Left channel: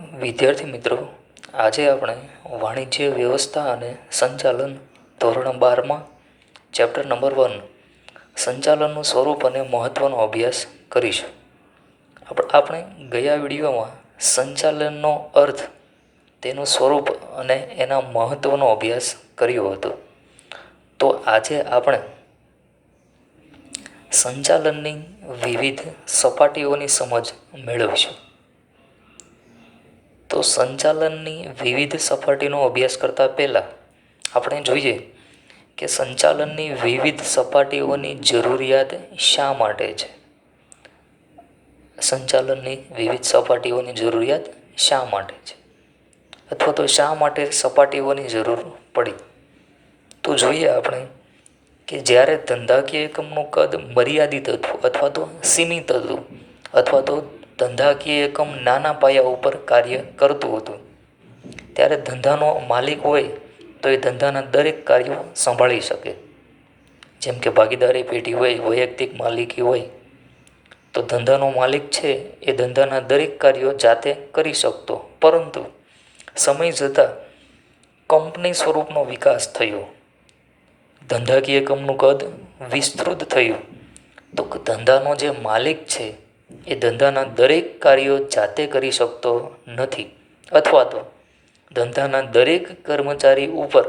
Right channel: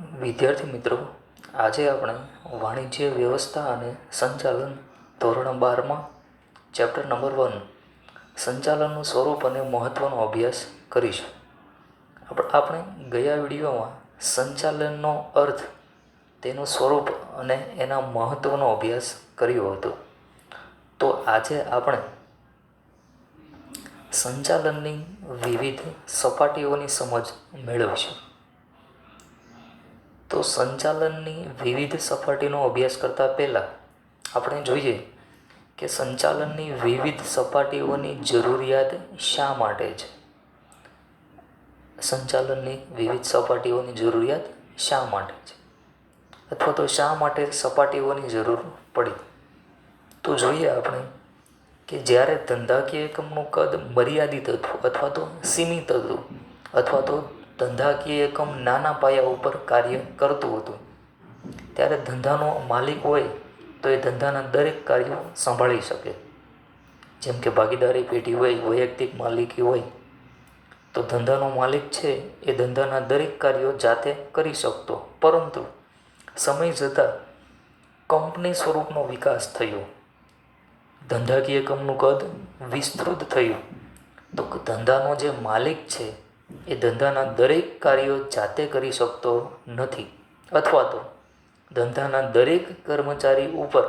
વિદ્યાર્થી મિત્રો, આજે આપણે વાણિજ્ય વ્યવસ્થા અને સંચાલન ધોરણ 12માં ચેપ્ટર નંબર 1 સંચાલનનું સ્વરૂપ અને મહત્ત્વનો અભ્યાસ કરીશું. આપણે ગયા વિડીયોમાં સંચાલનનો અર્થ, તેનું સ્વરૂપ અને એના મહત્ત્વનો અભ્યાસ કર્યો હતો. તો આજે આપણે સંચાલનની વિવિધ સપાટીઓની સમજ મેળવીશું. તો સંચાલનની વિવિધ સપાટીનો અભ્યાસ કરતાં પહેલાં આપણે જોઈએ કે સંચાલનની વિવિધ સપાટીઓની જરૂરિયાત શા માટે છે. સંચાલનની વિવિધ સપાટીઓની જરૂરિયાત શા માટે છે, અથવા તો શા માટે સપાટીઓની જરૂર પડી. તો જોઈએ આપણે કે જ્યારે ધંધાકીય એકમનું કદ મર્યાદિત હતું અથવા તો સીમિત હતું, અથવા તો ધંધાકીય એકમ નાના પાયા ઉપર કાર્ય કરતું હતું, ત્યારે ધંધાનો માલિક હોય તો એ ધંધાના દરેક કાર્યો સંભાળી શકે. જેમ કે ભાગીદારી પેઢી હોય, વૈયક્તિક માલિકી હોય, તો ધંધાનો માલિક છે એ ધંધાના દરેક કાર્યો જાતે કરી શકતો. પરંતુ સમય જતાં કંપની સ્વરૂપનો વિકાસ થયો, ધંધાકીય એકમનું કદ વિસ્તૃત થયું, તો ધંધાનો જે માલિક છે એ ધંધાના દરેક કાર્યો જાતે કરી શકતો નથી, અથવા તો ધંધાના દરેક કર્મચારી ઉપર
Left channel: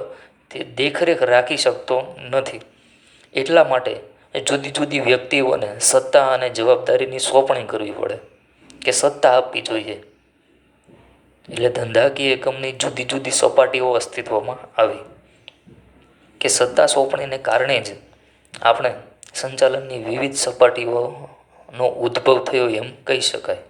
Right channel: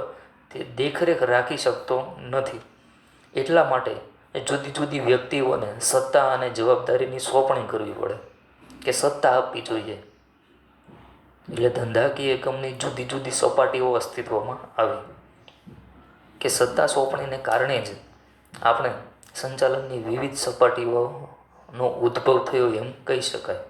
તે દેખરેખ રાખી શકતો નથી. એટલા માટે જુદી જુદી વ્યક્તિઓને સત્તા અને જવાબદારીની સોંપણી કરવી પડે, કે સત્તા આપવી જોઈએ. એટલે ધંધાકીય એકમની જુદી જુદી સપાટીઓ અસ્તિત્વમાં આવી, કે સત્તા સોંપણીને કારણે જ આપણે સંચાલનની વિવિધ સપાટીઓનો ઉદ્ભવ થયો એમ કહી શકાય.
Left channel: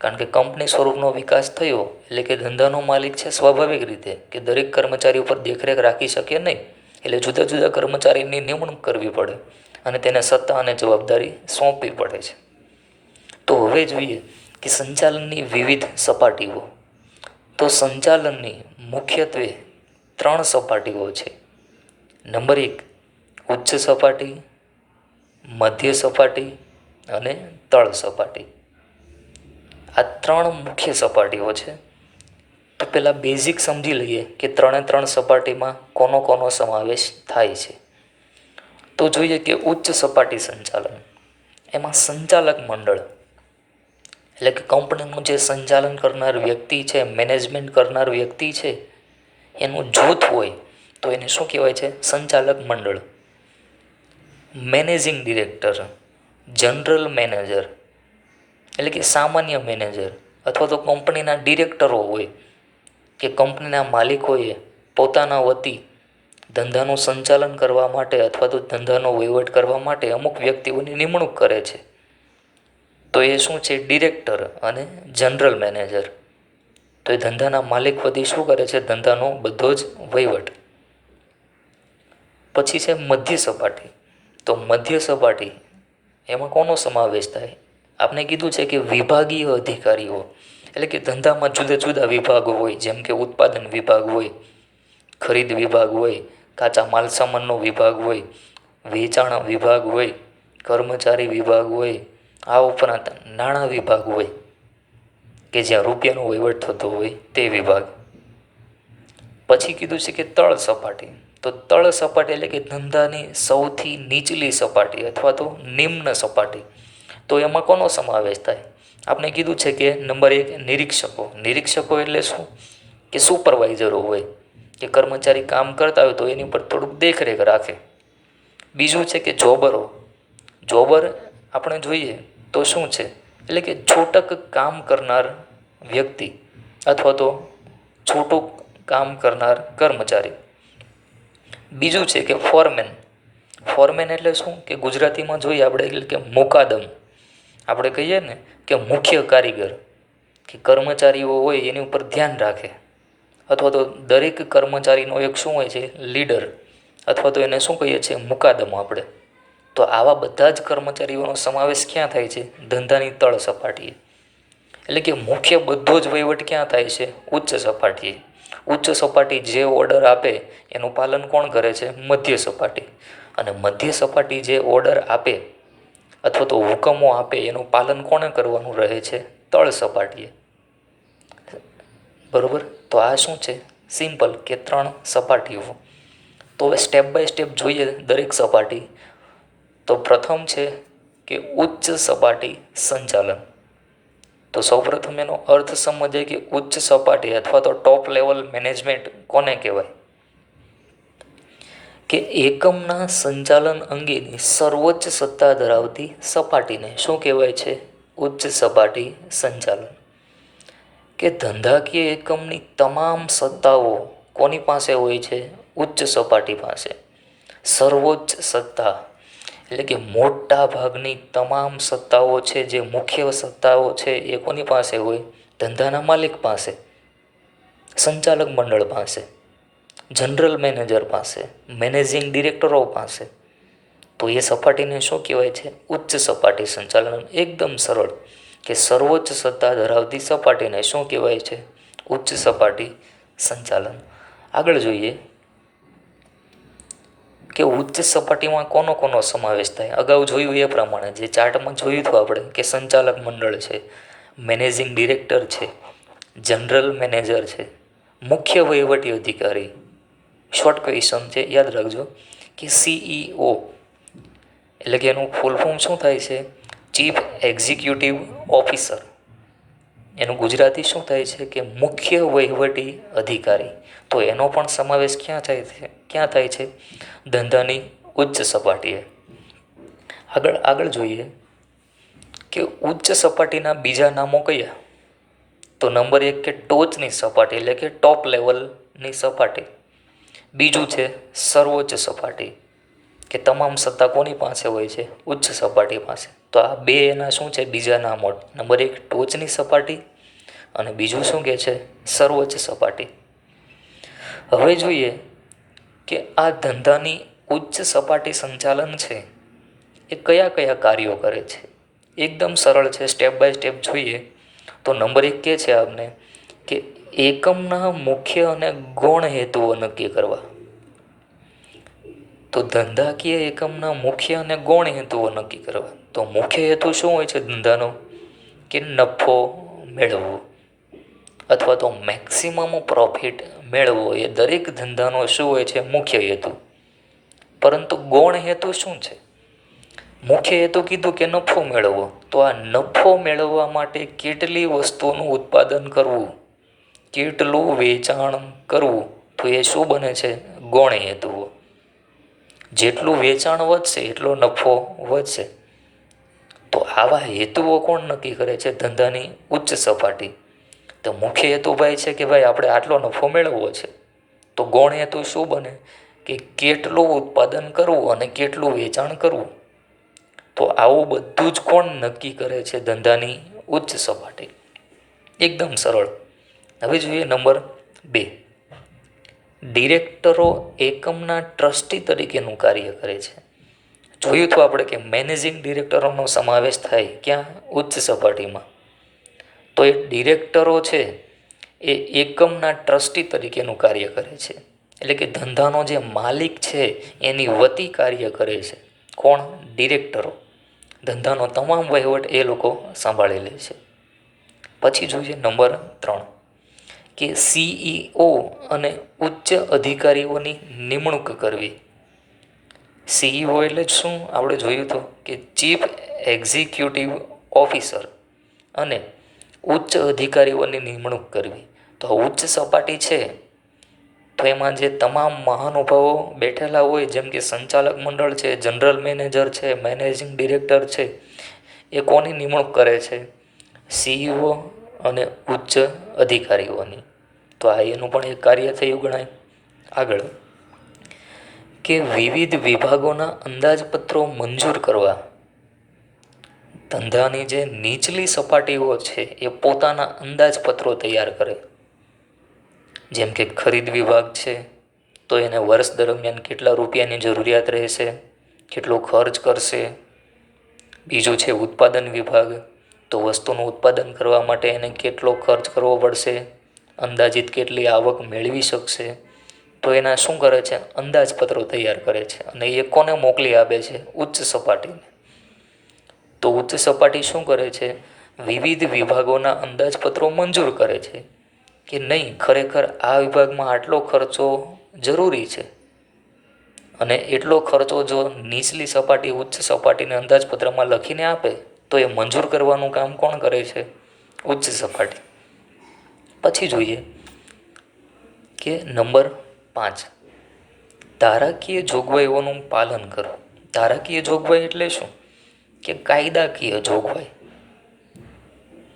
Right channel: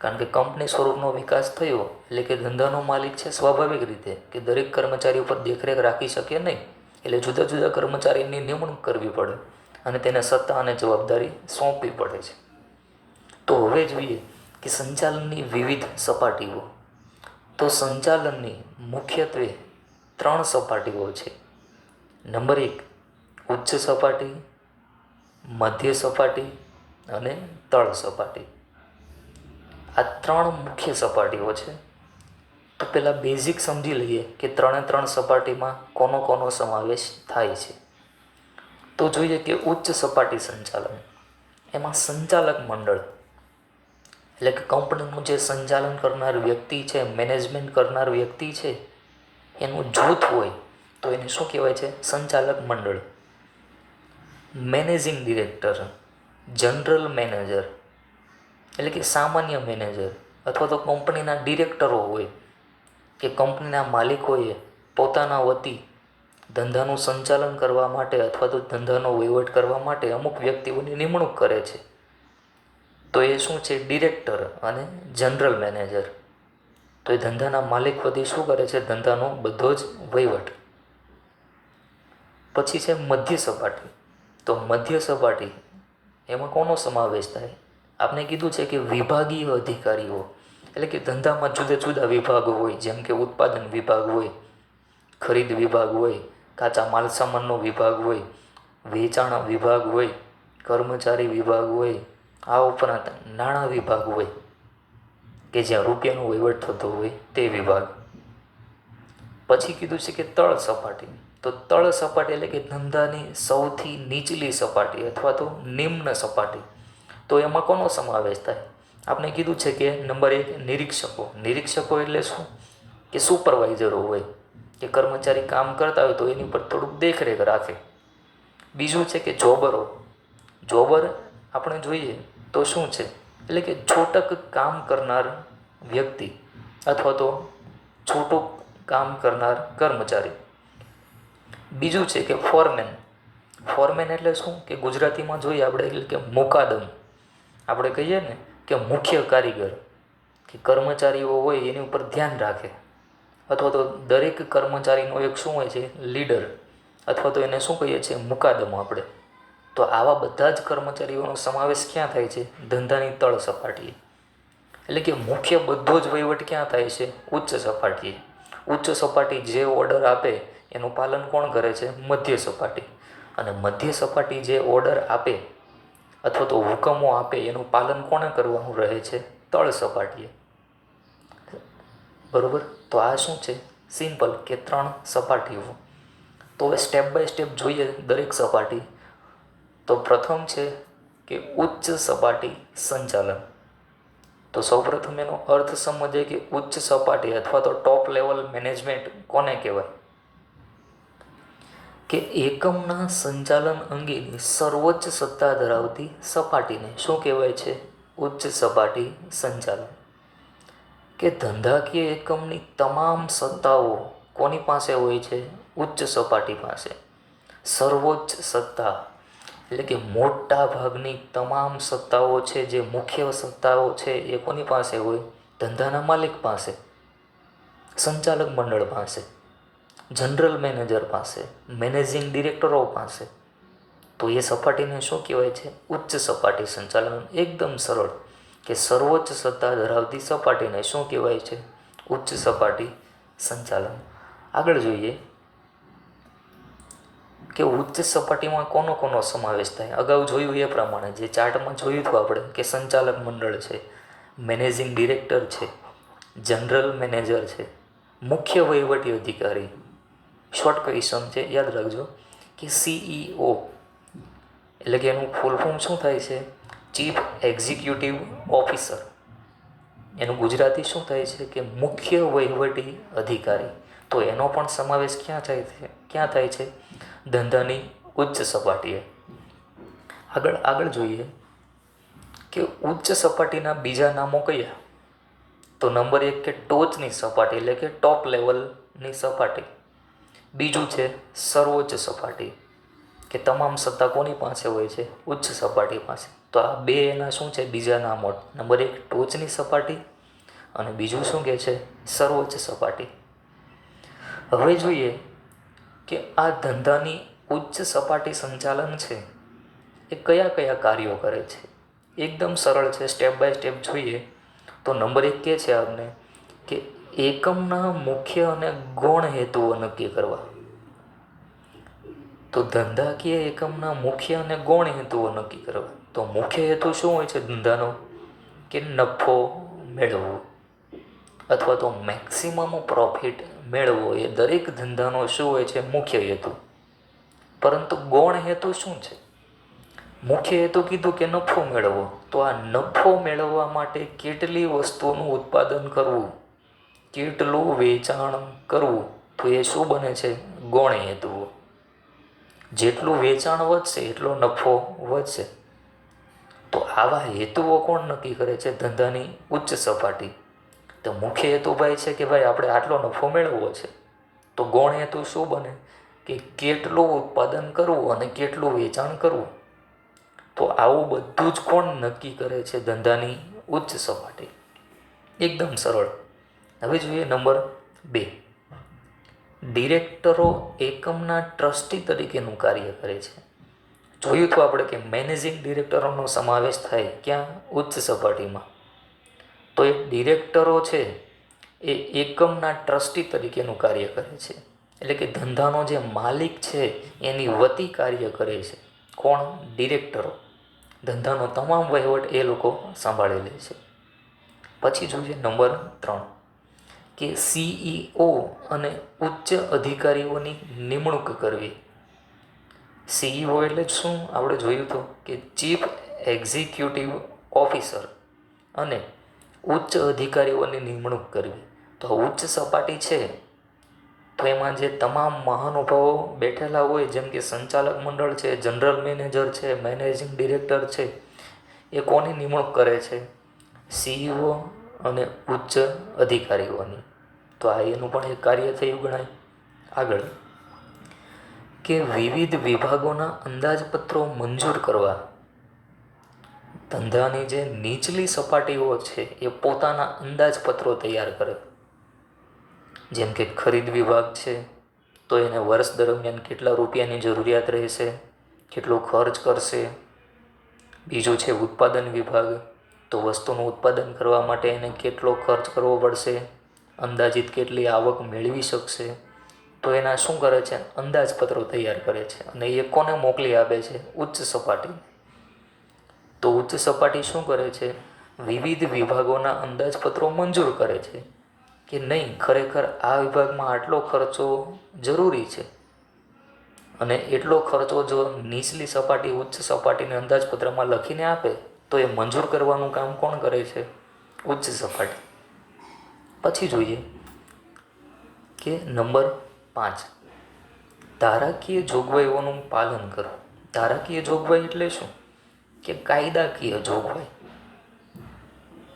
કારણ કે કંપની સ્વરૂપનો વિકાસ થયો એટલે કે ધંધાનો માલિક છે, સ્વાભાવિક રીતે કે દરેક કર્મચારી ઉપર દેખરેખ રાખી શકે નહીં, એટલે જુદા જુદા કર્મચારીની નિમણૂક કરવી પડે અને તેને સત્તા અને જવાબદારી સોંપવી પડે છે. તો હવે જોઈએ કે સંચાલનની વિવિધ સપાટીઓ. તો સંચાલનની મુખ્યત્વે 3 સપાટીઓ છે. નંબર 1 ઉચ્ચ સપાટી, મધ્ય સપાટી અને તળ સપાટી. આ 3 મુખ્ય સપાટીઓ છે. તો પહેલાં બેઝિક સમજી લઈએ કે 3 સપાટીમાં કોનો કોનો સમાવેશ થાય છે. તો જોઈએ કે ઉચ્ચ સપાટી સંચાલન, એમાં સંચાલક મંડળ એટલે કે કંપનીનું જે સંચાલન કરનાર વ્યક્તિ છે, મેનેજમેન્ટ કરનાર વ્યક્તિ છે, એનું જૂથ હોય તો એને શું કહેવાય છે? સંચાલક મંડળ. મેનેજિંગ ડિરેક્ટર, જનરલ મેનેજર એટલે કે સામાન્ય મેનેજર, અથવા તો કંપનીના ડિરેક્ટરો હોય કે કંપનીના માલિકોએ પોતાના વતી ધંધાનું સંચાલન કરવા માટે અથવા તો ધંધાનો વહીવટ કરવા માટે અમુક વ્યક્તિઓની નિમણૂક કરે છે. તો એ શું છે? ડિરેક્ટર અને જનરલ મેનેજર. તો એ ધંધાના માલિક વતી શું કરે છે? ધંધાનો બધો જ વહીવટ. પછી છે મધ્ય સપાટી. તો મધ્ય સપાટી એમાં કોનો સમાવેશ થાય? આપણે કીધું છે કે વિભાગીય અધિકારીઓ એટલે કે ધંધામાં જુદા જુદા વિભાગો હોય, જેમ કે ઉત્પાદન વિભાગ હોય, ખરીદ વિભાગ હોય, કાચા માલ સામાનનો વિભાગ હોય, વેચાણ વિભાગ હોય, કર્મચારી વિભાગ હોય, આ ઉપરાંત નાણાં વિભાગ હોય કે જ્યાં રૂપિયાનો વહીવટ થતો હોય તે વિભાગ. પછી કીધું છે કે તળ સપાટી. તો તળ સપાટી એટલે કે ધંધાની સૌથી નીચલી સપાટી અથવા તો નિમ્ન સપાટી. તો એમાં કોનો સમાવેશ થાય? આપણે કીધું છે કે નંબર 1 નિરીક્ષકો. નિરીક્ષકો એટલે શું? કે સુપરવાઇઝરો હોય, કે કર્મચારી કામ કરતા હોય તો એની પર થોડુંક દેખરેખ રાખે. બીજું છે કે જોબરો. જોબર આપણે જોઈએ તો શું છે? એટલે કે છૂટક કામ કરનાર વ્યક્તિ અથવા તો છૂટું કામ કરનાર કર્મચારી. બીજું છે કે ફોરમેન. ફોરમેન એટલે શું? કે ગુજરાતીમાં જોઈએ આપણે એટલે કે મુકાદમ. આપણે કહીએ ને કે મુખ્ય કારીગર, કે કર્મચારીઓ હોય એની ઉપર ધ્યાન રાખે, અથવા તો દરેક કર્મચારીનો એક શું હોય છે? લીડર, અથવા તો એને શું કહીએ છીએ? મુકાદમ આપણે. તો આવા બધા જ કર્મચારીઓનો સમાવેશ ક્યાં થાય છે? ધંધાની તળ સપાટીએ. એટલે કે મુખ્ય બધો જ વહીવટ ક્યાં થાય છે? ઉચ્ચ સપાટીએ. ઉચ્ચ સપાટી જે ઓર્ડર આપે એનું પાલન કોણ કરે છે? મધ્ય સપાટી. અને મધ્ય સપાટી જે ઓર્ડર આપે અથવા તો હુકમો આપે એનું પાલન કોણે કરવાનું રહે છે? તળ સપાટીએ. બરાબર. તો આ શું છે? સિમ્પલ કે 3 સપાટીઓ. તો હવે સ્ટેપ બાય સ્ટેપ જોઈએ દરેક સપાટી. તો પ્રથમ છે કે ઉચ્ચ સપાટી સંચાલન. તો સૌપ્રથમ એનો અર્થ સમજીએ કે ઉચ્ચ સપાટી અથવા તો ટોપ લેવલ મેનેજમેન્ટ કોને કહેવાય? કે એકમના સંચાલન અંગેની સર્વોચ્ચ સત્તા ધરાવતી સપાટીને શું કહેવાય છે? ઉચ્ચ સપાટી સંચાલન. કે ધંધાકીય એકમની તમામ સત્તાઓ કોની પાસે હોય છે? ઉચ્ચ સપાટી પાસે. સર્વોચ્ચ સત્તા એટલે કે મોટા ભાગની તમામ સત્તાઓ છે, જે મુખ્ય સત્તાઓ છે એ કોની પાસે હોય? ધંધાના માલિક પાસે, સંચાલક મંડળ પાસે, જનરલ મેનેજર પાસે, મેનેજિંગ ડિરેક્ટરો પાસે. તો એ સપાટીને શું કહેવાય છે? ઉચ્ચ સપાટી સંચાલન. એકદમ સરળ કે સર્વોચ્ચ સત્તા ધરાવતી સપાટીને શું કહેવાય છે? ઉચ્ચ સપાટી સંચાલન. આગળ જોઈએ કે ઉચ્ચ સપાટીમાં કોનો કોનો સમાવેશ થાય? અગાઉ જોયું એ પ્રમાણે, જે ચાર્ટમાં જોયું હતું આપણે, કે સંચાલક મંડળ છે, મેનેજિંગ ડિરેક્ટર છે, જનરલ મેનેજર છે, મુખ્ય વહીવટી અધિકારી. શોર્ટ ક્વેશ્ચન છે, યાદ રાખજો કે CEO એટલે કે એનું ફૂલ ફોર્મ શું થાય છે? Chief executive officer. એનું ગુજરાતી શું થાય છે? કે મુખ્ય વહીવટી અધિકારી. તો એનો પણ સમાવેશ ક્યાં થાય છે? ધંધાની ઉચ્ચ સપાટીએ. આગળ જોઈએ કે ઉચ્ચ સપાટીના બીજા નામો કયા? તો નંબર 1 કે ટોચની સપાટી એટલે કે ટોપ લેવલની સપાટી. બીજું છે સર્વોચ્ચ સપાટી, કે તમામ સત્તા કોની પાસે હોય છે? ઉચ્ચ સપાટી પાસે. તો આ બે એના શું છે? બીજા નામો. નંબર 1 ટોચની સપાટી અને બીજું શું કહે છે? સર્વોચ્ચ સપાટી. હવે જોઈએ કે આ ધંધાની ઉચ્ચ સપાટી સંચાલન છે એ કયા કયા કાર્યો કરે છે? એકદમ સરળ છે, સ્ટેપ બાય સ્ટેપ જોઈએ. તો નંબર 1 કહે છે આપને કે એકમના મુખ્ય અને ગૌણ હેતુઓ નક્કી કરવા. તો ધંધાકીય એકમના મુખ્ય અને ગૌણ હેતુઓ નક્કી કરવા. તો મુખ્ય હેતુ શું હોય છે ધંધાનો? કે નફો મેળવવો અથવા તો મેક્સિમમ પ્રોફિટ મેળવવો. એ દરેક ધંધાનો શું હોય છે? મુખ્ય હેતુ. પરંતુ ગૌણ હેતુ શું છે? મુખ્ય હેતુ કીધું કે નફો મેળવવો. તો આ નફો મેળવવા માટે કેટલી વસ્તુઓનું ઉત્પાદન કરવું, કેટલું વેચાણ કરવું, તો એ શું બને છે? ગૌણ હેતુઓ. જેટલું વેચાણ વધશે એટલો નફો વધશે. તો આવા હેતુઓ કોણ નક્કી કરે છે? ધંધાની ઉચ્ચ સપાટી. તો મુખ્ય હેતુ ભાઈ છે કે ભાઈ આપણે આટલો નફો મેળવવો છે. તો ગૌણ હેતુ શું બને? કે કેટલું ઉત્પાદન કરવું અને કેટલું વેચાણ કરવું. તો આવું બધું જ કોણ નક્કી કરે છે? ધંધાની ઉચ્ચ સપાટી. એકદમ સરળ. હવે જોઈએ નંબર 2. ડિરેક્ટરો એકમના ટ્રસ્ટી તરીકેનું કાર્ય કરે છે. જોયું તો આપણે કે મેનેજિંગ ડિરેક્ટરોનો સમાવેશ થાય ક્યાં? ઉચ્ચ સપાટીમાં. તો એ ડિરેક્ટરો છે એ એકમના ટ્રસ્ટી તરીકેનું કાર્ય કરે છે. એટલે કે ધંધાનો જે માલિક છે એની વતી કાર્ય કરે છે. કોણ? ડિરેક્ટરો. ધંધાનો તમામ વહીવટ એ લોકો સંભાળી લે છે. પછી જોઈએ નંબર 3 કે CEO અને ઉચ્ચ અધિકારીઓની નિમણૂક કરવી. CEO એટલે શું? આપણે જોયું હતું કે ચીફ એક્ઝિક્યુટિવ ઓફિસર અને ઉચ્ચ અધિકારીઓની નિમણૂક કરવી. તો ઉચ્ચ સપાટી છે તો એમાં જે તમામ મહાનુભાવો બેઠેલા હોય, જેમ કે સંચાલક મંડળ છે, જનરલ મેનેજર છે, મેનેજિંગ ડિરેક્ટર છે, એ કોની નિમણૂક કરે છે? CEO અને ઉચ્ચ અધિકારીઓની. તો આ એનું પણ એક કાર્ય થયું ગણાય. આગળ કે વિવિધ વિભાગોના અંદાજપત્રો મંજૂર કરવા. ધંધાની જે નીચલી સપાટીઓ છે એ પોતાના અંદાજપત્રો તૈયાર કરે. જેમ કે ખરીદ વિભાગ છે તો એને વર્ષ દરમિયાન કેટલા રૂપિયાની જરૂરિયાત રહેશે, કેટલો ખર્ચ કરશે. બીજું છે ઉત્પાદન વિભાગ, તો વસ્તુનું ઉત્પાદન કરવા માટે એને કેટલો ખર્ચ કરવો પડશે, અંદાજિત કેટલી આવક મેળવી શકશે. તો એના શું કરે છે? અંદાજપત્રો તૈયાર કરે છે. અને એ કોને મોકલી આપે છે? ઉચ્ચ સપાટીને. તો ઉચ્ચ સપાટી શું કરે છે? વિવિધ વિભાગોના અંદાજપત્રો મંજૂર કરે છે. કે નહીં, ખરેખર આ વિભાગમાં આટલો ખર્ચો જરૂરી છે અને એટલો ખર્ચો જો નીચલી સપાટી ઉચ્ચ સપાટીને અંદાજપત્રમાં લખીને આપે તો એ મંજૂર કરવાનું કામ કોણ કરે છે? ઉચ્ચ સપાટી. પછી જોઈએ કે નંબર 5, ધારાકીય જોગવાઈઓનું પાલન કરવું. ધારાકીય જોગવાઈ એટલે શું? કે કાયદાકીય જોગવાઈ.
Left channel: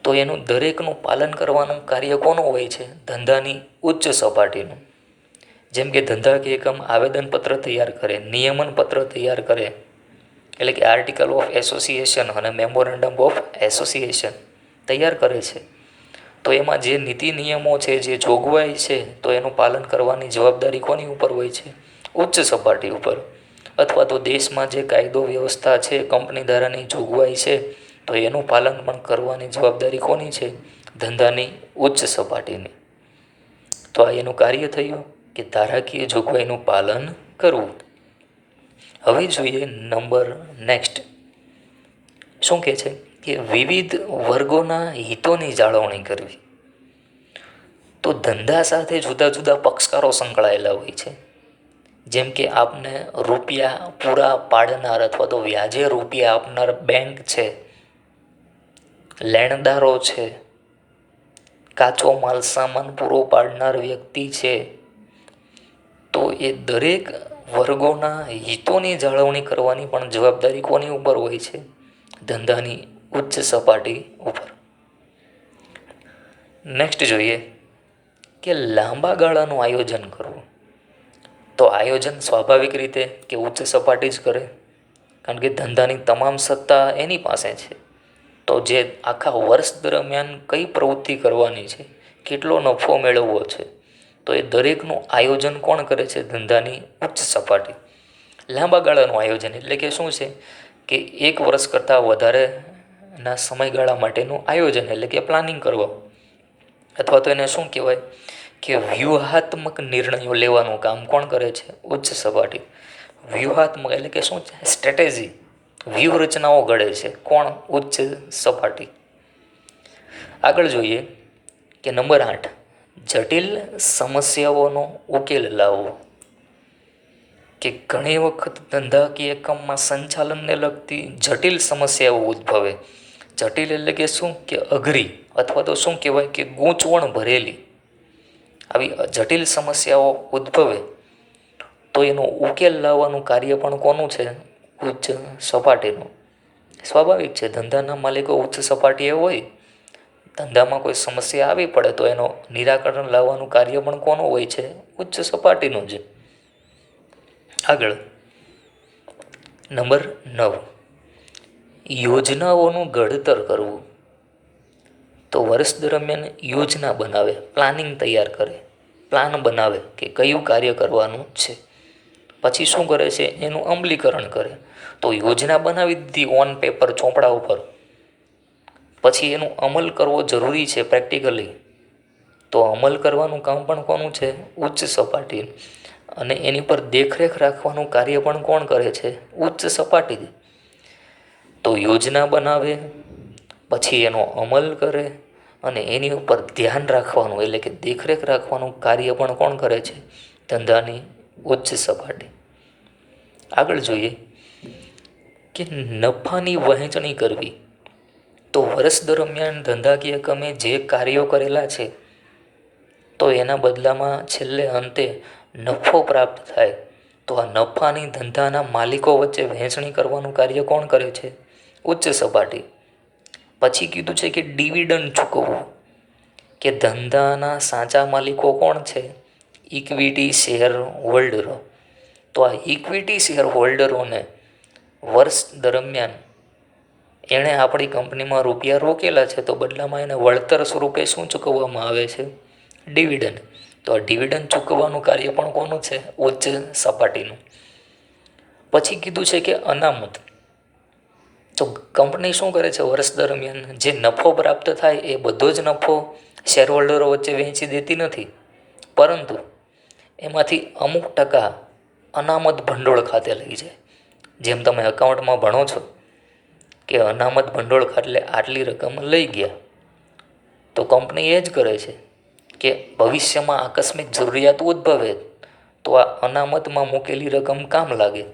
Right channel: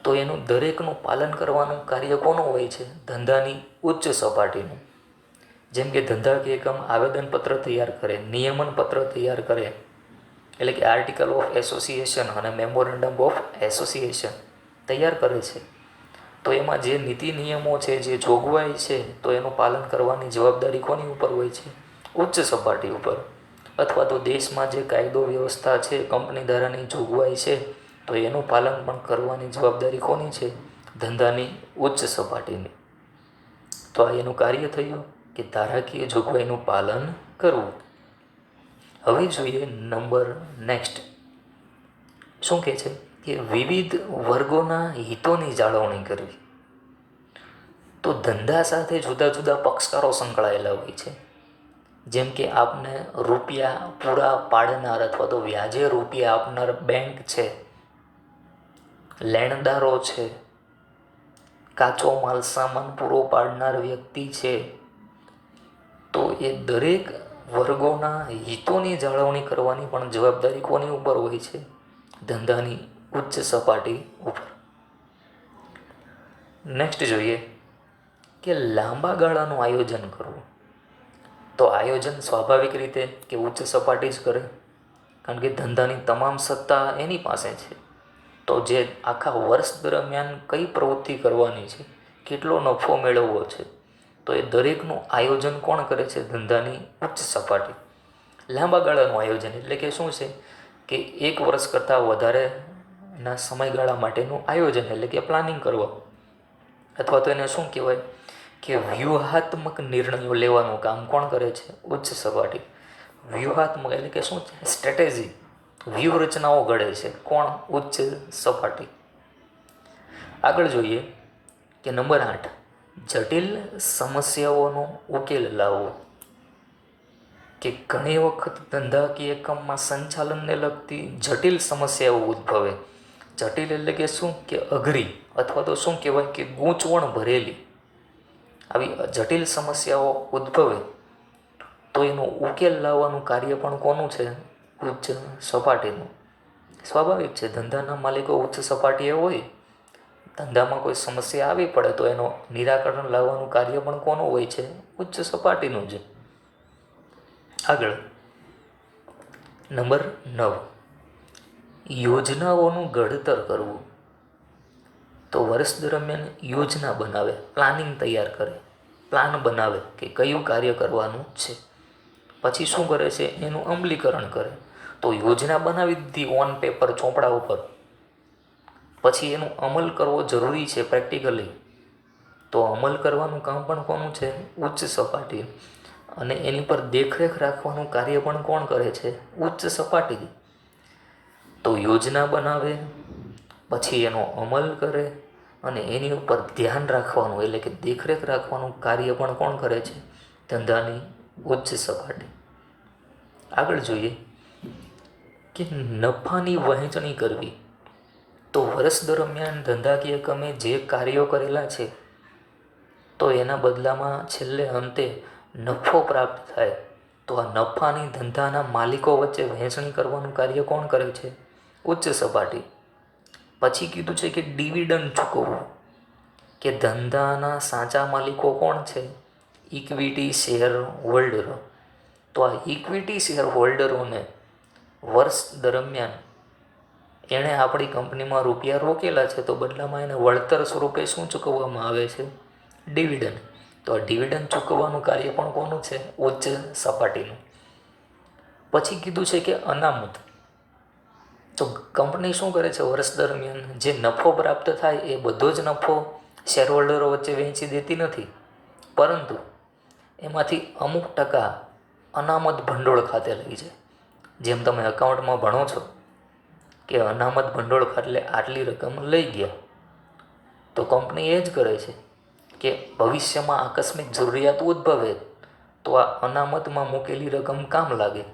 તો એનું દરેકનું પાલન કરવાનું કાર્ય કોનું હોય છે? ધંધાની ઉચ્ચ સપાટીનું. જેમ કે ધંધાકીય એકમ આવેદનપત્ર તૈયાર કરે, નિયમનપત્ર તૈયાર કરે, એટલે કે આર્ટિકલ ઓફ એસોસિએશન અને મેમોરેન્ડમ ઓફ એસોસિએશન તૈયાર કરે છે. તો એમાં જે નીતિ નિયમો છે, જે જોગવાઈ છે, તો એનું પાલન કરવાની જવાબદારી કોની ઉપર હોય છે? ઉચ્ચ સપાટી ઉપર. અથવા તો દેશમાં જે કાયદો વ્યવસ્થા છે, કંપની ધારાની જોગવાઈ છે, તો એનું પાલન પણ કરવાની જવાબદારી કોની છે? ધંધાની ઉચ્ચ સપાટીની. તો આ એનું કાર્ય થયું કે ધારાકીય જોગવાઈનું પાલન કરવું. હવે જોઈએ નંબર નેક્સ્ટ. શું કહે છે કે વિવિધ વર્ગોના હિતોની જાળવણી કરવી. તો ધંધા સાથે જુદા જુદા પક્ષકારો સંકળાયેલા હોય છે. જેમ કે આપને રૂપિયા પૂરા પાડનાર અથવા તો વ્યાજે રૂપિયા આપનાર બેંક છે, લેણદારો છે, કાચો માલ સામાન પૂરો પાડનાર વ્યક્તિ છે. તો એ દરેક વર્ગોના હિતોની જાળવણી કરવાની પણ જવાબદારી કોની ઉપર હોય છે? ધંધાની ઉચ્ચ સપાટી ઉપર. નેક્સ્ટ જોઈએ કે લાંબા ગાળાનું આયોજન કરવું. તો આયોજન સ્વાભાવિક રીતે કે ઉચ્ચ સપાટી જ કરે, કારણ કે ધંધાની તમામ સત્તા એની પાસે છે. તો જે આખા વર્ષ દરમિયાન કઈ પ્રવૃત્તિ કરવાની છે, કેટલો નફો મેળવવો છે, તો એ દરેકનું આયોજન કોણ કરે છે? ધંધાની ઉચ્ચ સપાટી. લાંબા ગાળાનું આયોજન એટલે કે શું છે? કે એક વર્ષ કરતાં વધારેના સમયગાળા માટેનું આયોજન, એટલે કે પ્લાનિંગ કરવો. અથવા તો એને શું કહેવાય કે વ્યૂહાત્મક નિર્ણયો લેવાનું કામ કોણ કરે છે? ઉચ્ચ સપાટી. વ્યૂહાત્મક એટલે કે શું છે? સ્ટ્રેટેજી, વ્યૂહરચનાઓ ઘડે છે. કોણ? ઉચ્ચ સપાટી. આગળ જોઈએ કે નંબર 8, જટિલ સમસ્યાઓનો ઉકેલ લાવવો. કે ઘણી વખત ધંધાકીય એકમમાં સંચાલનને લગતી જટિલ સમસ્યાઓ ઉદ્ભવે. જટિલ એટલે કે શું? કે અઘરી, અથવા તો શું કહેવાય કે ગૂંચવણ ભરેલી. આવી જટિલ સમસ્યાઓ ઉદ્ભવે તો એનો ઉકેલ લાવવાનું કાર્ય પણ કોનું છે? ઉચ્ચ સપાટીનું. સ્વાભાવિક છે, ધંધાના માલિકો ઉચ્ચ સપાટીએ હોય, ધંધામાં કોઈ સમસ્યા આવી પડે તો એનો નિરાકરણ લાવવાનું કાર્ય પણ કોનું હોય છે? ઉચ્ચ સપાટીનું જ. આગળ નંબર 9, યોજનાઓનું ઘડતર કરવું. તો વર્ષ દરમિયાન યોજના બનાવે, પ્લાનિંગ તૈયાર કરે, પ્લાન બનાવે કે કયું કાર્ય કરવાનું છે. પછી શું કરે છે? એનું અમલીકરણ કરે. તો યોજના બનાવી દીધી ઓન પેપર, ચોપડા ઉપર, પછી એનું અમલ કરવો જરૂરી છે પ્રેક્ટિકલી. તો અમલ કરવાનું કામ પણ કોનું છે? ઉચ્ચ સપાટી. અને એની પર દેખરેખ રાખવાનું કાર્ય પણ કોણ કરે છે? ઉચ્ચ સપાટી. તો યોજના બનાવે, પછી એનો અમલ કરે, અને એની ઉપર ધ્યાન રાખવાનું એટલે કે દેખરેખ રાખવાનું કાર્ય પણ કોણ કરે છે? ધંધાની ઉચ્ચ સપાટી. આગળ જોઈએ કે નફાની વહેંચણી કરવી. તો વર્ષ દરમિયાન ધંધાકીય એકમે જે કાર્યો કરેલા છે, તો એના બદલામાં છેલ્લે અંતે નફો પ્રાપ્ત થાય. તો આ નફાની ધંધાના માલિકો વચ્ચે વહેંચણી કરવાનું કાર્ય કોણ કરે છે? ઉચ્ચ સપાટી. પછી કીધું છે કે ડિવિડન્ડ ચૂકવવું. કે ધંધાના સાચા માલિકો કોણ છે? ઇક્વિટી શેર હોલ્ડરો. તો આ ઇક્વિટી શેર હોલ્ડરોને વર્ષ દરમિયાન એણે આપણી કંપનીમાં રૂપિયા રોકેલા છે, તો બદલામાં એને વળતર સ્વરૂપે શું ચૂકવવામાં આવે છે? ડિવિડન્ડ. તો આ ડિવિડન્ડ ચૂકવવાનું કાર્ય પણ કોનું છે? ઉચ્ચ સપાટીનું. પછી કીધું છે કે અનામત. તો કંપની શું કરે છે? વર્ષ દરમિયાન જે નફો પ્રાપ્ત થાય એ બધો જ નફો શેર હોલ્ડરો વચ્ચે વહેંચી દેતી નથી, પરંતુ એમાંથી અમુક ટકા અનામત ભંડોળ ખાતે લઈ જાય. જેમ તમે એકાઉન્ટમાં ભણો છો કે અનામત ભંડોળ ખાતે આટલી રકમ લઈ ગયા, તો કંપની એ જ કરે છે કે ભવિષ્યમાં આકસ્મિક જરૂરિયાત ઉદ્ભવે તો આ અનામતમાં મૂકેલી રકમ કામ લાગે.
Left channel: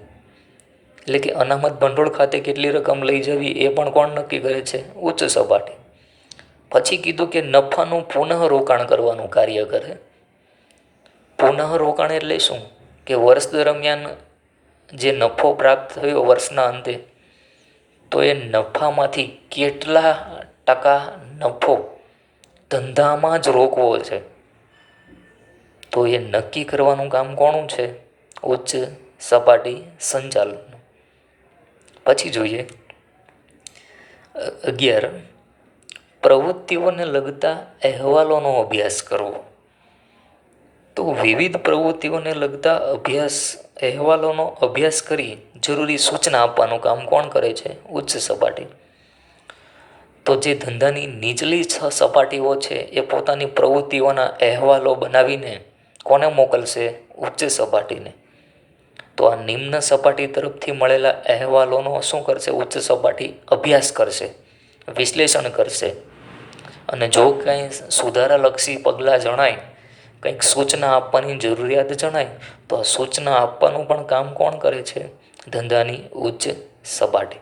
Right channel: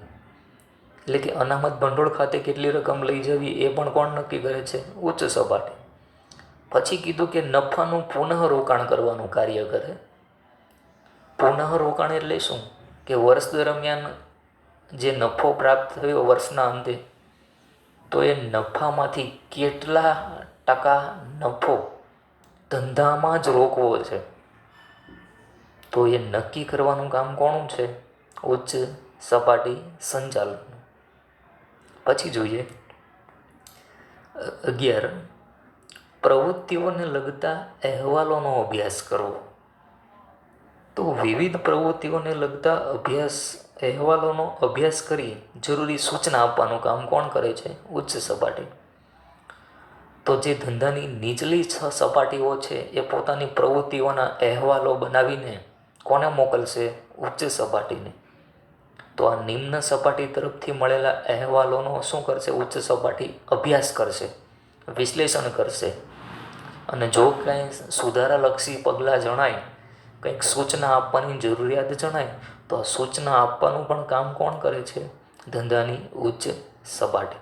એટલે કે અનામત ભંડોળ ખાતે કેટલી રકમ લઈ જવી એ પણ કોણ નક્કી કરે છે? ઉચ્ચ સપાટી. પછી કીધું કે નફાનું પુનઃરોકાણ કરવાનું કાર્ય કરે. પુનઃરોકાણ એટલે શું? કે વર્ષ દરમિયાન જે નફો પ્રાપ્ત થયો વર્ષના અંતે, તો એ નફામાંથી કેટલા ટકા નફો ધંધામાં જ રોકવો છે, તો એ નક્કી કરવાનું કામ કોનું છે? ઉચ્ચ સપાટી સંચાલન. પછી જોઈએ 11, પ્રવૃત્તિઓને લગતા અહેવાલોનો અભ્યાસ કરવો. તો વિવિધ પ્રવૃત્તિઓને લગતા અહેવાલોનો અભ્યાસ કરી જરૂરી સૂચના આપવાનું કામ કોણ કરે છે? ઉચ્ચ સપાટી. તો જે ધંધાની નીચલી 6 સપાટીઓ છે એ પોતાની પ્રવૃત્તિઓના અહેવાલો બનાવીને કોને મોકલશે? ઉચ્ચ સપાટીને. તો આ નિમ્ન સપાટી તરફથી મળેલા અહેવાલોનો શું કરશે? ઉચ્ચ સપાટી અભ્યાસ કરશે, વિશ્લેષણ કરશે, અને જો કંઈ સુધારાલક્ષી પગલાં જણાય, કંઈક સૂચના આપવાની જરૂરિયાત જણાય, તો આ સૂચના આપવાનું પણ કામ કોણ કરે છે? ધંધાની ઉચ્ચ સપાટી.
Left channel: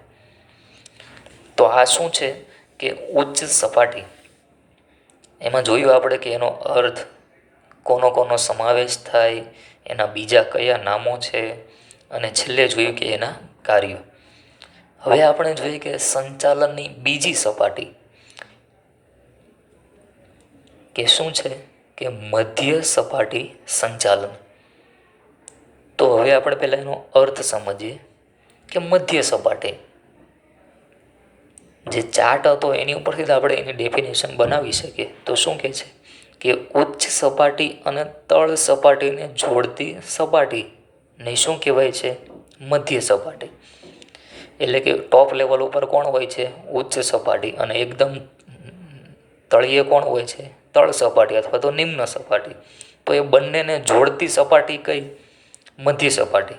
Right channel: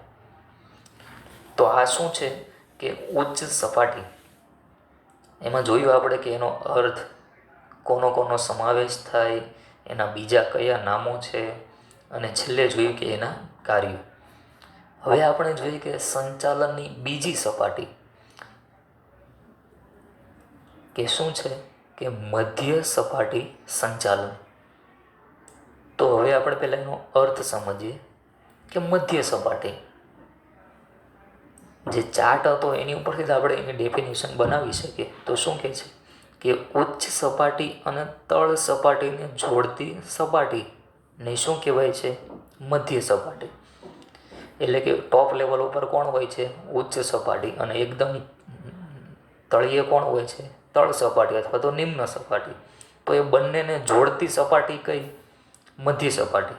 તો આ શું છે કે ઉચ્ચ સપાટી. એમાં જોયું આપણે કે એનો અર્થ, કોનો સમાવેશ થાય, એના બીજા કયા નામો છે, અને છેલ્લે જોયું કે એના કાર્યો. હવે આપણે જોઈએ કે સંચાલનની બીજી સપાટી કે શું છે? કે મધ્ય સપાટી સંચાલન. તો હવે આપણે પહેલાં એનો અર્થ સમજીએ કે મધ્ય સપાટી. જે ચાર્ટ હતો એની ઉપરથી જ આપણે એની ડેફિનેશન બનાવી શકીએ. તો શું કહે છે કે ઉચ્ચ સપાટી અને તળ સપાટીને જોડતી સપાટીને શું કહેવાય છે? મધ્ય સપાટી. એટલે કે ટોપ લેવલ ઉપર કોણ હોય છે? ઉચ્ચ સપાટી. અને એકદમ તળિયે કોણ હોય છે? તળ સપાટી અથવા તો નિમ્ન સપાટી. તો એ બંનેને જોડતી સપાટી કઈ? મધ્ય સપાટી,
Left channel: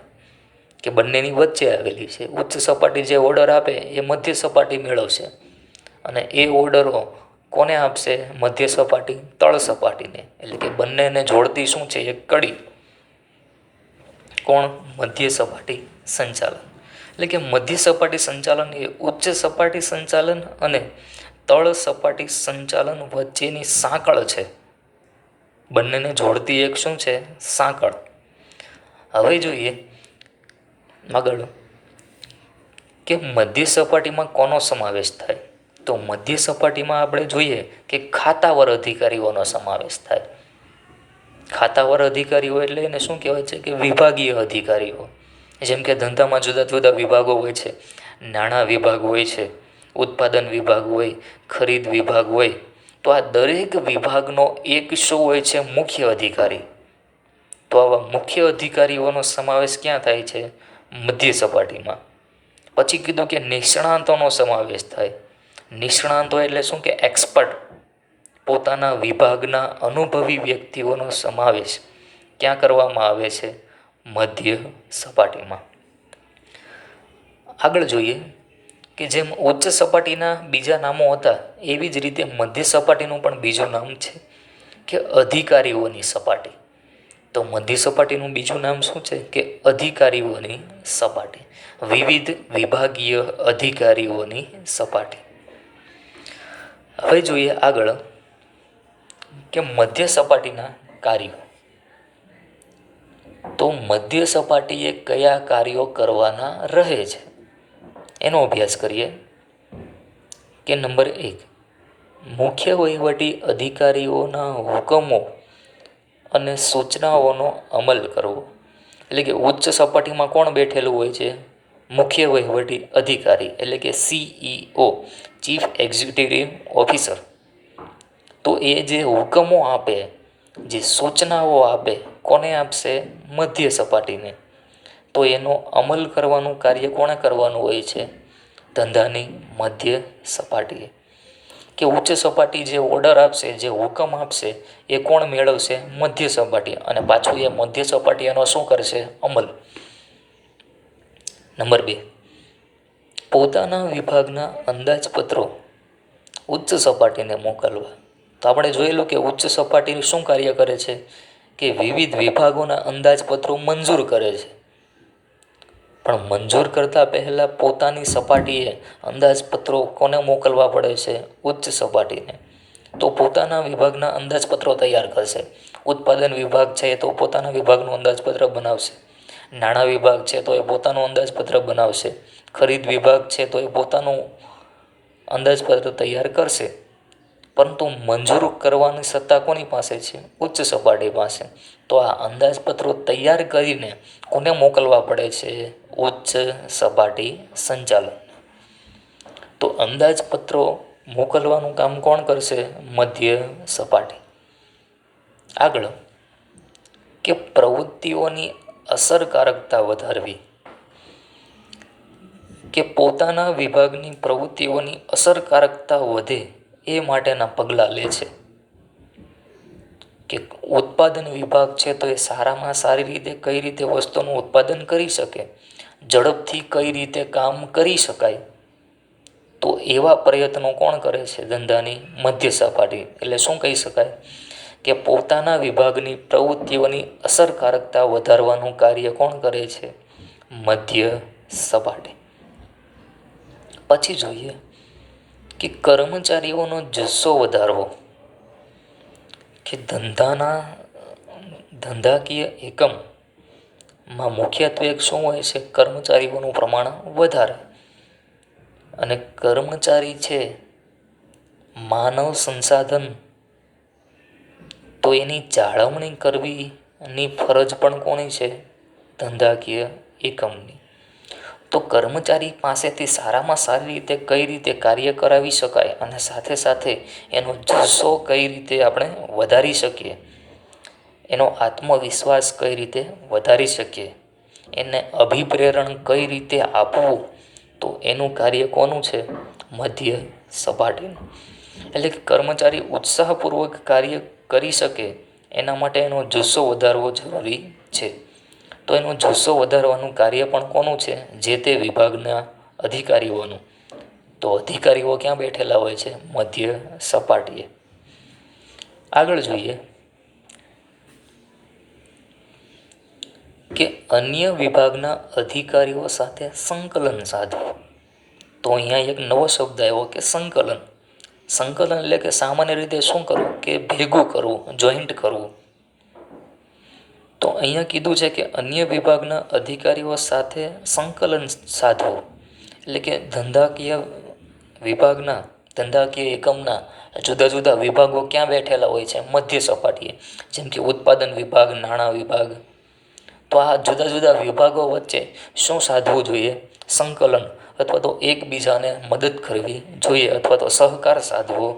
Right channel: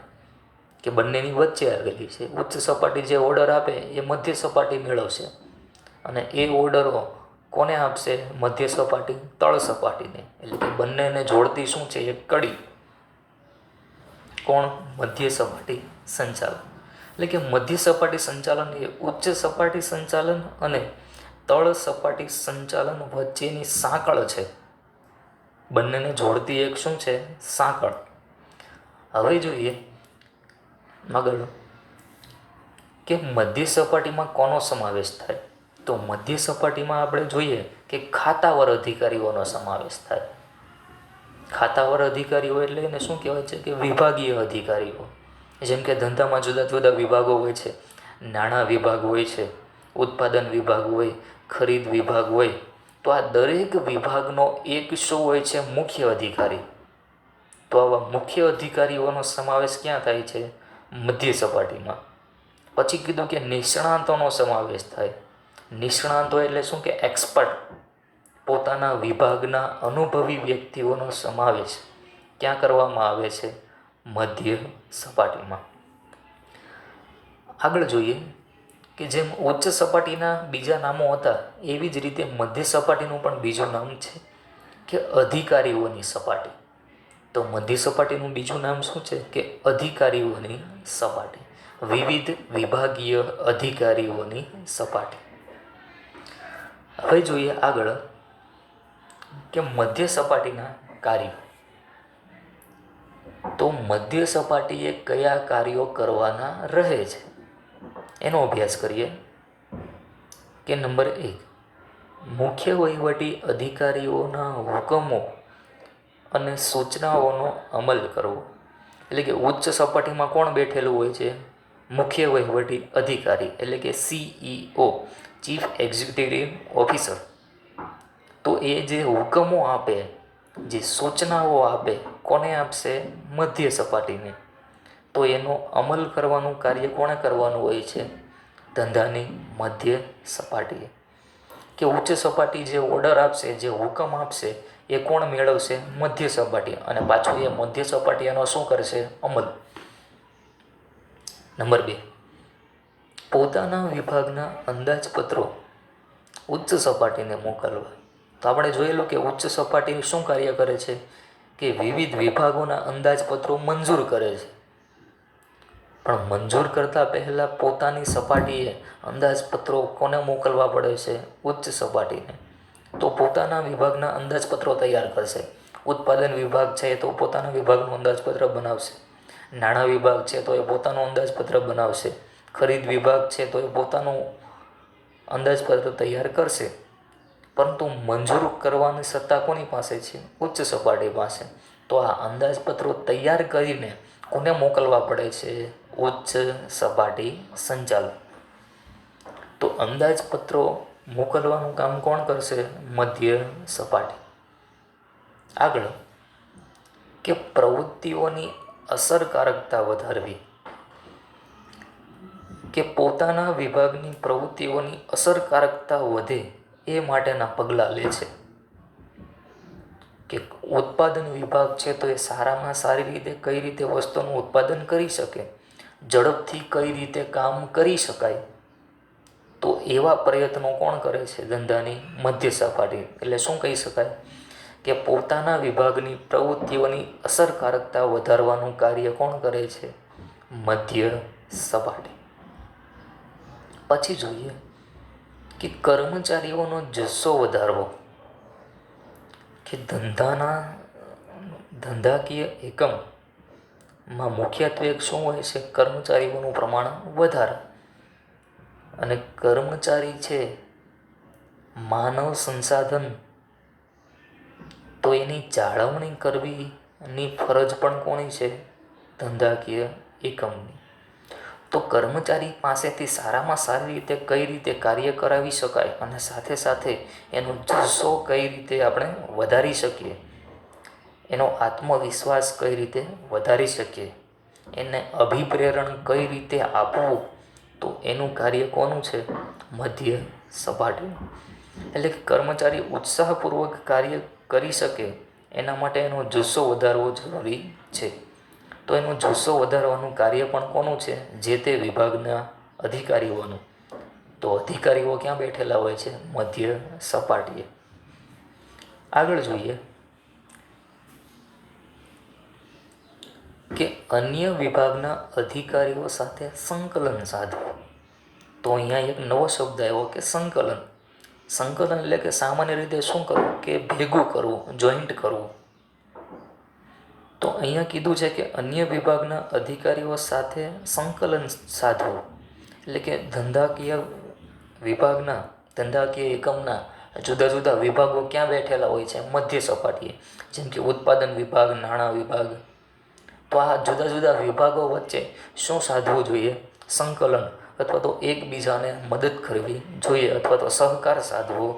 કે બંનેની વચ્ચે આવેલી છે. ઉચ્ચ સપાટી જે ઓર્ડર આપે એ મધ્ય સપાટી મેળવશે, અને એ ઓર્ડરો કોને આપશે? મધ્ય સપાટી તળ સપાટીને. એટલે કે બંનેને જોડતી શું છે? એક કડી. કોણ? મધ્ય સપાટી સંચાલન. એટલે કે મધ્ય સપાટી સંચાલન એ ઉચ્ચ સપાટી સંચાલન અને તળ સપાટી સંચાલન વચ્ચેની સાંકળ છે. બંનેને જોડતી એક શું છે? સાંકળ. હવે જોઈએ આગળ કે મધ્ય સપાટીમાં કોનો સમાવેશ થાય? તો મધ્ય સપાટીમાં આપણે જોઈએ કે ખાતાવર અધિકારીઓનો સમાવેશ થાય. ખાતાવર અધિકારીઓ એટલે એને શું કહેવાય છે? કે વિભાગીય અધિકારીઓ. જેમ કે ધંધામાં જુદા જુદા વિભાગો હોય છે. નાણાં વિભાગ હોય છે, ઉત્પાદન વિભાગ હોય, ખરીદ વિભાગ હોય. તો આ દરેક વિભાગનો એક શું હોય છે? મુખ્ય અધિકારી. તો આવા મુખ્ય અધિકારીઓનો સમાવેશ ક્યાં થાય છે? મધ્ય સપાટીમાં. પછી કીધું કે નિષ્ણાંતોનો સમાવેશ થાય. નિષ્ણાંતો એટલે શું? કે એક્સપર્ટ. પોતાના વિભાગના અનુભવી વ્યક્તિઓનો સમાવેશ ક્યાં કરવામાં આવે છે? મધ્ય સપાટીમાં. આગળ જોઈએ કે જેમ ઉચ્ચ સપાટીના બીજા નામો હતા, એવી જ રીતે મધ્ય સપાટીનું પણ બીજું નામ છે કે અધિકારીઓની સપાટી. તો મધ્ય સપાટીનું બીજું નામ શું છે? કે અધિકારીઓની સપાટી. વિવિધ વિભાગીય અધિકારીઓની સપાટી. હવે જોઈએ આગળ કે મધ્ય સપાટીના કાર્યો. તો મધ્ય સપાટીએ કયા કાર્યો કરવાના રહે છે એનો અભ્યાસ કરીએ. કે નંબર 1, મુખ્ય વહીવટી અધિકારીઓના હુકમો અને સૂચનાઓનો અમલ કરવો. એટલે કે ઉચ્ચ સપાટીમાં કોણ બેઠેલું હોય છે? મુખ્ય વહીવટી અધિકારી, એટલે કે CEO, ચીફ એક્ઝિક્યુટિવ ઓફિસર. તો એ જે હુકમો આપે, જે સૂચનાઓ આપે, કોને આપશે? મધ્ય સપાટીને. તો એનો અમલ કરવાનું કાર્ય કોણે કરવાનું હોય છે? ધંધાની મધ્ય સપાટીએ. કે ઉચ્ચ સપાટી જે ઓર્ડર આપશે, જે હુકમ આપશે, એ કોણ મેળવશે? મધ્ય સપાટી. અને પાછું એ મધ્ય સપાટી એનો શું કરશે? અમલ. નંબર 2, પોતાના વિભાગના અંદાજપત્રો ઉચ્ચ સપાટીને મોકલવા. તો આપણે જોયેલું કે ઉચ્ચ સપાટી શું કાર્ય કરે છે કે વિવિધ વિભાગોના અંદાજપત્રો મંજૂર કરે છે, પણ મંજૂર કરતાં પહેલાં પોતાની સપાટીએ અંદાજપત્રો કોને મોકલવા પડે છે? ઉચ્ચ સપાટીને. તો પોતાના વિભાગના અંદાજપત્રો તૈયાર કરશે. ઉત્પાદન વિભાગ છે તો પોતાના વિભાગનું અંદાજપત્ર બનાવશે. નાણાં વિભાગ છે તો એ પોતાનું અંદાજપત્ર બનાવશે. ખરીદ વિભાગ છે તો એ પોતાનું અંદાજપત્ર તૈયાર કરશે. પરંતુ મંજૂર કરવાની સત્તા કોની પાસે છે? ઉચ્ચ સપાટી પાસે. તો આ અંદાજપત્રો તૈયાર કરીને કોને મોકલવા પડે છે? ઉચ્ચ સપાટી સંચાલન. તો અંદાજપત્રો મોકલવાનું કામ કોણ કરશે? મધ્ય સપાટી. આગળ કે પ્રવૃત્તિઓની અસરકારકતા વધારવી, કે પોતાના વિભાગની પ્રવૃત્તિઓની અસરકારકતા વધે એ માટેના પગલાં લે છે. કે ઉત્પાદન વિભાગ છે તો એ સારામાં સારી રીતે કઈ રીતે વસ્તુનું ઉત્પાદન કરી શકે, ઝડપથી કઈ રીતે કામ કરી શકાય, તો એવા પ્રયત્નો કોણ કરે છે? ધંધાની મધ્ય સપાટી. એટલે શું કહી શકાય કે પોતાના વિભાગની પ્રવૃત્તિઓની અસરકારકતા વધારવાનું કાર્ય કોણ કરે છે? મધ્ય સપાટી. પછી જોઈએ કે કર્મચારીઓનો જુસ્સો વધારવો, કે ધંધાકીય એકમમાં મુખ્યત્વે શું હોય છે? કર્મચારીઓનું પ્રમાણ વધારે. અને કર્મચારી છે માનવ સંસાધન, તો એની જાળવણી કરવીની ફરજ પણ કોની છે? ધંધાકીય એકમની. તો કર્મચારી પાસેથી સારામાં સારી રીતે કઈ રીતે કાર્ય કરાવી શકાય અને સાથે સાથે એનો જુસ્સો કઈ રીતે આપણે વધારી શકીએ, એનો આત્મવિશ્વાસ કઈ રીતે વધારી શકીએ, એને અભિપ્રેરણ કઈ રીતે આપવું, તો એનું કાર્ય કોનું છે? મધ્ય સપાટીનું. એટલે કે કર્મચારી ઉત્સાહપૂર્વક કાર્ય કરી શકે એના માટે એનો જુસ્સો વધારવો જરૂરી છે. તો એનો જુસ્સો વધારવાનું કાર્ય પણ કોનું છે? જે તે વિભાગના અધિકારીઓનું. તો અધિકારીઓ ક્યાં બેઠેલા હોય છે? મધ્ય સપાટીએ. આગળ જોઈએ કે અન્ય વિભાગના અધિકારીઓ સાથે સંકલન સાધવું. તો અહીંયા એક નવો શબ્દ આવ્યો કે સંકલન. સંકલન એટલે કે સામાન્ય રીતે શું કરવું? કે ભેગું કરવું, જોઈન્ટ કરવું. તો અહીંયા કીધું છે કે અન્ય વિભાગના અધિકારીઓ સાથે સંકલન સાધવું. એટલે કે ધંધાકીય એકમના જુદા જુદા વિભાગો ક્યાં બેઠેલા હોય છે? મધ્ય સપાટીએ. જેમ કે ઉત્પાદન વિભાગ, નાણાં વિભાગ. તો આ જુદા જુદા વિભાગો વચ્ચે શું સાધવું જોઈએ? સંકલન, અથવા તો એકબીજાને મદદ કરવી જોઈએ, અથવા તો સહકાર સાધવો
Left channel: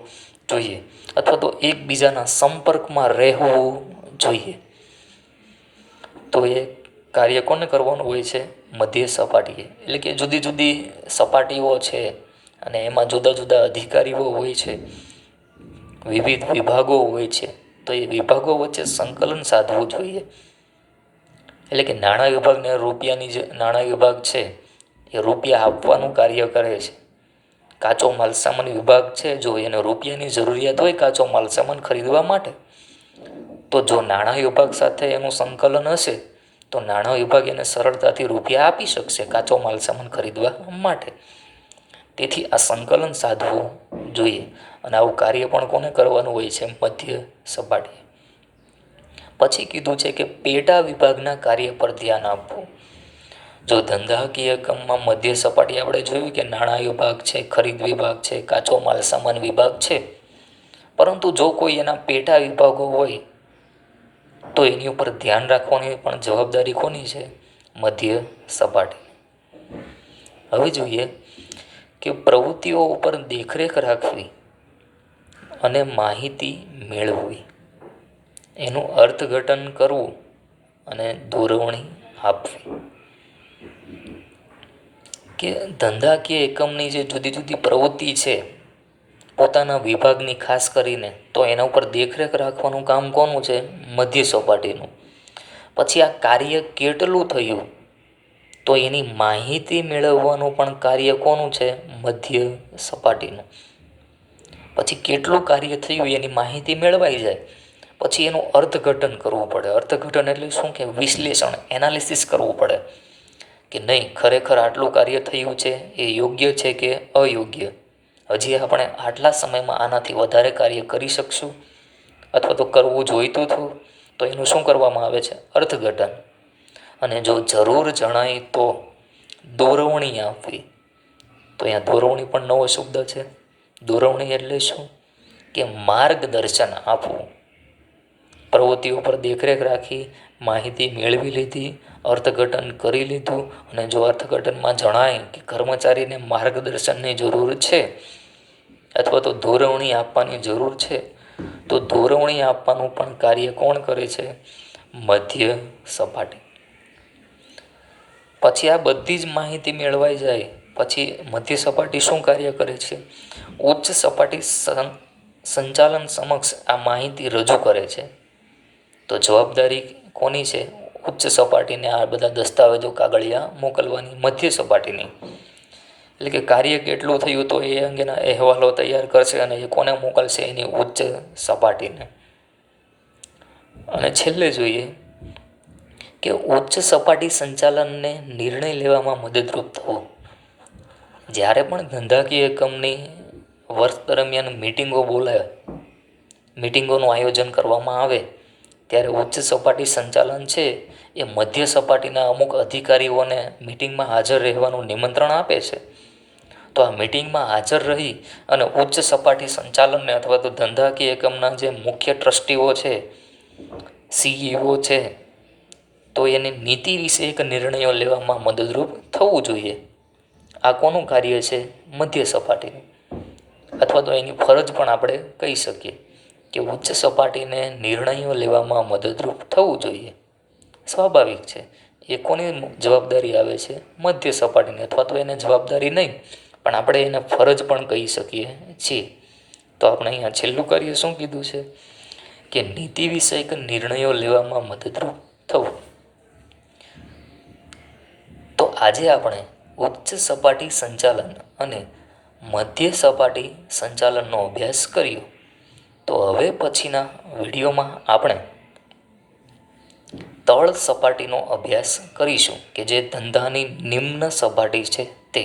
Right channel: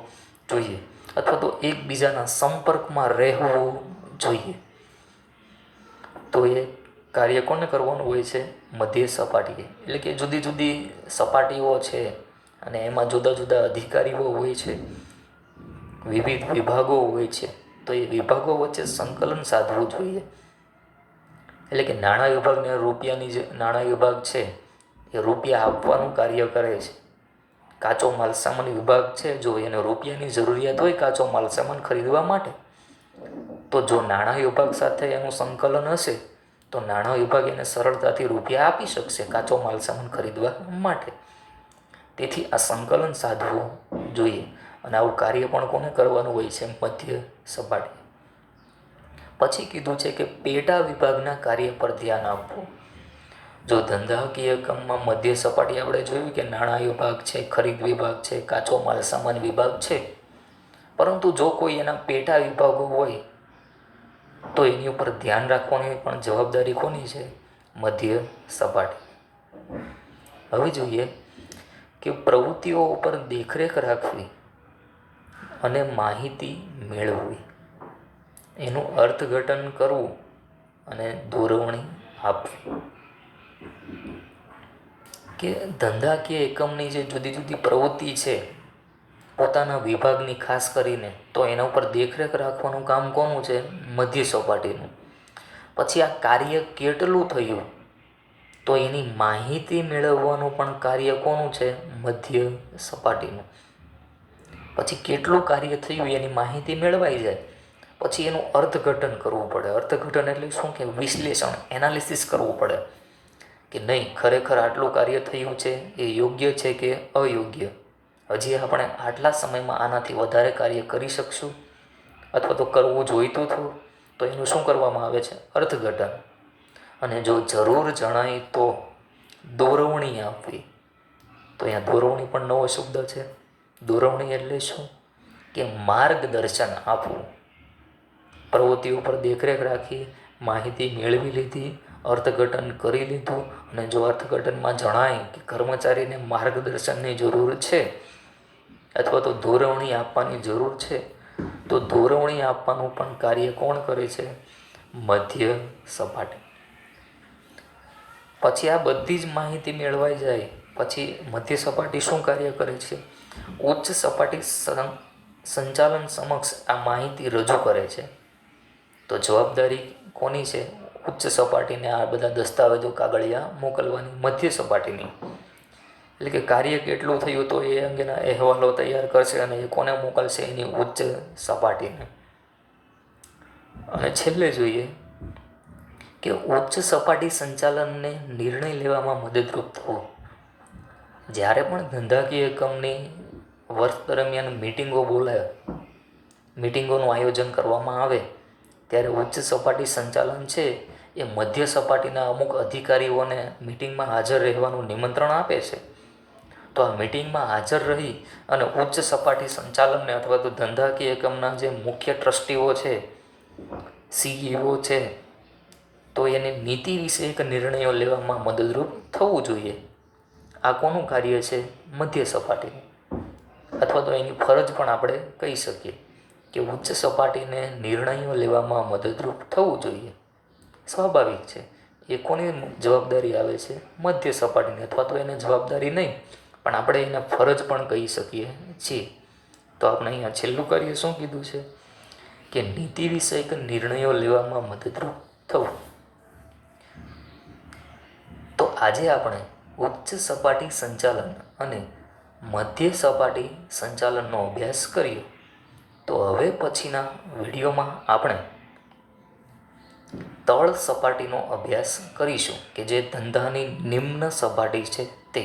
જોઈએ, અથવા તો એકબીજાના સંપર્કમાં રહેવું જોઈએ. તો એ કાર્ય કોને કરવાનું હોય છે? મધ્ય સપાટીએ. એટલે કે જુદી જુદી સપાટીઓ છે અને એમાં જુદા જુદા અધિકારીઓ હોય છે, વિવિધ વિભાગો હોય છે. તો એ વિભાગો વચ્ચે સંકલન સાધવું જોઈએ. એટલે કે નાણાં વિભાગને નાણાં વિભાગ છે એ રૂપિયા આપવાનું કાર્ય કરે છે. કાચો માલસામાન વિભાગ છે, જો એને રૂપિયાની જરૂરિયાત હોય કાચો માલસામાન ખરીદવા માટે, તો જો નાણાં વિભાગ સાથે એનું સંકલન હશે તો નાણાં વિભાગ એને સરળતાથી રૂપિયા આપી શકશે કાચો માલસામાન ખરીદવા માટે. તેથી આ સંકલન સાધવું જોઈએ. અને આવું કાર્ય પણ કોને કરવાનું હોય છે? મધ્ય સપાટી. પછી કીધું છે કે પેટા વિભાગના કાર્ય પર ધ્યાન આપવું. જો ધંધાકીય એકમમાં મધ્ય સપાટી આપણે જોયું કે નાણાં વિભાગ છે, ખરીદ વિભાગ છે, કાચો માલસામાન વિભાગ છે. પરંતુ જો કોઈ એના પેટા વિભાગો હોય તો એની ઉપર ધ્યાન રાખવાની પણ જવાબદારી કોની છે? મધ્ય સપાટી. હવે જોઈએ કે પ્રવૃત્તિઓ ઉપર દેખરેખ રાખવી અને માહિતી મેળવવી, એનું અર્થઘટન કરવું અને દોરવણી આપવી. કે ધંધાકીય એકમની જે જુદી જુદી પ્રવૃત્તિ છે પોતાના વિભાગની ખાસ કરીને, તો એના ઉપર દેખરેખ રાખવાનું કામ કોનું છે? મધ્ય સપાટીનું. પછી આ કાર્ય કેટલું થયું તો એની માહિતી મેળવવાનું પણ કાર્ય કોનું છે? મધ્ય સપાટીનું. પછી કેટલું કાર્ય થયું એની માહિતી મેળવાઈ જાય પછી એનું અર્થઘટન કરવું પડે. અર્થઘટન એટલે શું કે વિશ્લેષણ, એનાલિસિસ કરવું પડે કે નહીં ખરેખર આટલું કાર્ય થયું છે એ યોગ્ય છે કે અયોગ્ય, હજી આપણે આટલા સમયમાં આનાથી વધારે કાર્ય કરી શકશું અથવા તો કરવું જોઈતું હતું, તો એનું શું કરવામાં આવે છે? અર્થઘટન. અને જો જરૂર જણાય તો દોરવણી આપવી. તો અહીંયા દોરવણી પણ નવો શબ્દ છે. દોરવણી એટલે શું કે માર્ગદર્શન આપવું. પ્રવૃત્તિઓ પર દેખરેખ રાખી, માહિતી મેળવી લીધી, અર્થઘટન કરી લીધું, અને જો અર્થઘટનમાં જણાય કે કર્મચારીને માર્ગદર્શનની જરૂર છે અથવા તો દોરવણી આપવાની જરૂર છે, તો દોરવણી આપવાનું પણ કાર્ય કોણ કરે છે? મધ્ય સપાટી. પછી આ બધી જ માહિતી મેળવાઈ જાય પછી મધ્ય સપાટી શું કાર્ય કરે છે? ઉચ્ચ સપાટી સંચાલન સમક્ષ આ માહિતી રજૂ કરે છે. તો જવાબદારી કોની છે? ઉચ્ચ સપાટીને આ બધા દસ્તાવેજો કાગળિયા મોકલવાની, મધ્ય સપાટીની. એટલે કે કાર્ય કેટલું થયું તો એ અંગેના અહેવાલો તૈયાર કરશે અને એ કોને મોકલશે? એની ઉચ્ચ સપાટીને. અને છેલ્લે જોઈએ કે ઉચ્ચ સપાટી સંચાલનને નિર્ણય લેવામાં મદદરૂપ થવું. જ્યારે પણ ધંધાકીય એકમની વર્ષ દરમિયાન મિટિંગોનું આયોજન કરવામાં આવે ત્યારે ઉચ્ચ સપાટી સંચાલન છે એ મધ્ય સપાટીના અમુક અધિકારીઓને મિટિંગમાં હાજર રહેવાનું નિમંત્રણ આપે છે. તો આ મિટિંગમાં હાજર રહી અને ઉચ્ચ સપાટી સંચાલનને અથવા તો ધંધાકીય એકમના જે મુખ્ય ટ્રસ્ટીઓ છે, CEO છે, તો એની નીતિ વિશે એક નિર્ણયો લેવામાં મદદરૂપ થવું જોઈએ. આ કોનું કાર્ય છે? મધ્ય સપાટીનું. અથવા તો એની ફરજ પણ આપણે કહી શકીએ કે ઉચ્ચ સપાટીને નિર્ણયો લેવામાં મદદરૂપ થવું જોઈએ. સ્વાભાવિક છે. એ કોની જવાબદારી આવે છે? મધ્ય સપાટીની. અથવા તો એને જવાબદારી નહીં પણ આપણે એને ફરજ પણ કહી શકીએ છીએ. તો આપણે અહીંયા છેલ્લું કાર્ય શું કીધું છે કે નીતિ વિષયક નિર્ણયો લેવામાં મદદરૂપ થવું. તો આજે આપણે ઉચ્ચ સપાટી સંચાલન અને મધ્ય સપાટી સંચાલનનો અભ્યાસ કર્યો. તો હવે પછીના વિડીયોમાં આપણે તળ સપાટીનો અભ્યાસ કરીશું કે જે ધંધાની નિમ્ન સપાટી છે તે.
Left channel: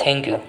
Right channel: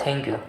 Thank you.